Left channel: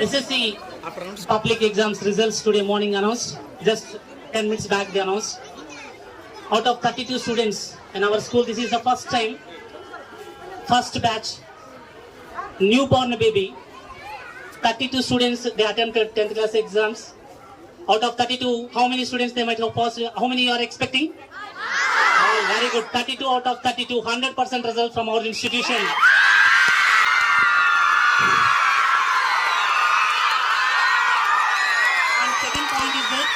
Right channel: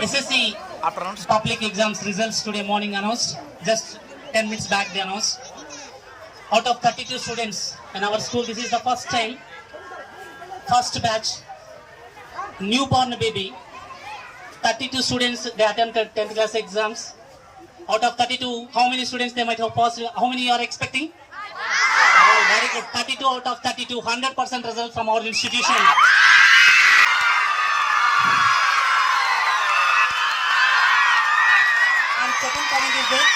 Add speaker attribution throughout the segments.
Speaker 1: SSC public exams results today morning announced. Just 10 minutes back they announced. Out of 32 students in our school, this is the first time, first batch, newborn baby. 32 students they attempted 10th class exams. Out of 32, how many students they might have passed? How many you are expecting? Oh, very good. 32 out of 32, 100% result from our institution. Second second point is that,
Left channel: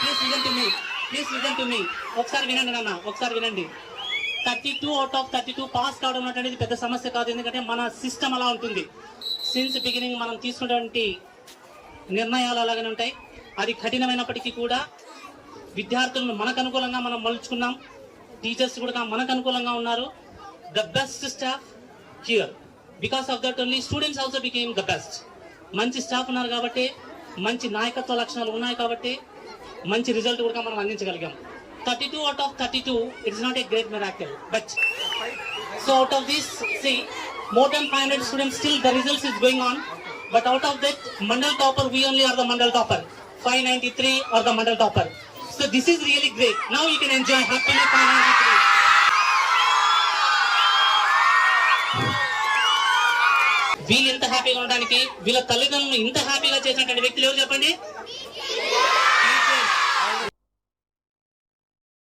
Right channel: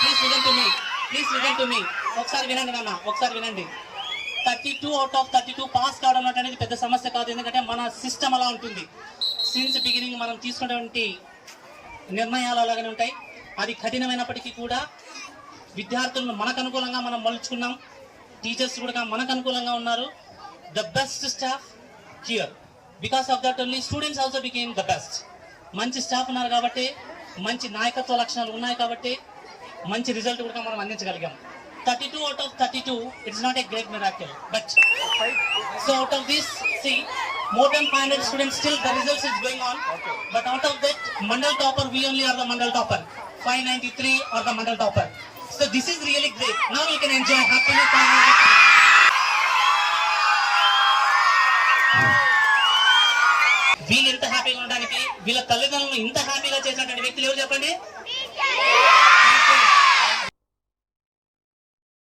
Speaker 1: please listen to me. ఒకసారి వినండి నాన్న ఒకసారి వినండి. Thirty two out of thirty two pass కావడం అనేది పెద్ద సమస్య కాదు. ఎందుకంటే మన సిస్టమ్ అలా ఉంటుంది. సిన్స్ బిగినింగ్ మనం తీసుకున్నటువంటి నిర్ణయాలు అలాగనే ఉంటాయి. అది కఠినమైనప్పటికీ కూడా విద్యార్థులను మనకు అనుకూలంగా మనం మలుచుకున్నాం. టీచర్స్ కూడా మనకు అనుకూలంగా ఉన్నారు. The best staff here because of that only students also became the best మంచి స్టాఫ్ ఉన్నారు కాబట్టి మంచి నాయకత్వ లక్షణాలు ఉన్నాయి కాబట్టి మంచి రిజల్ట్ కూడా మనం అందించగలిగాం. Thirty two out of thirty two it's not a great miracle but so out of this see more then five hundred students still the results is going on but out of that mandal topper we only are the mandal topper five ninety three are the mandal topper so this is really great now you can enjoy happiness five ninety three వీళ్ళు ఇంత హ్యాపీగా ఉండడానికి వీళ్ళ తల్లిదండ్రులు ఇంత హ్యాపీగా చేసినటువంటి వ్యక్తులు ఎవరు చెప్పండి?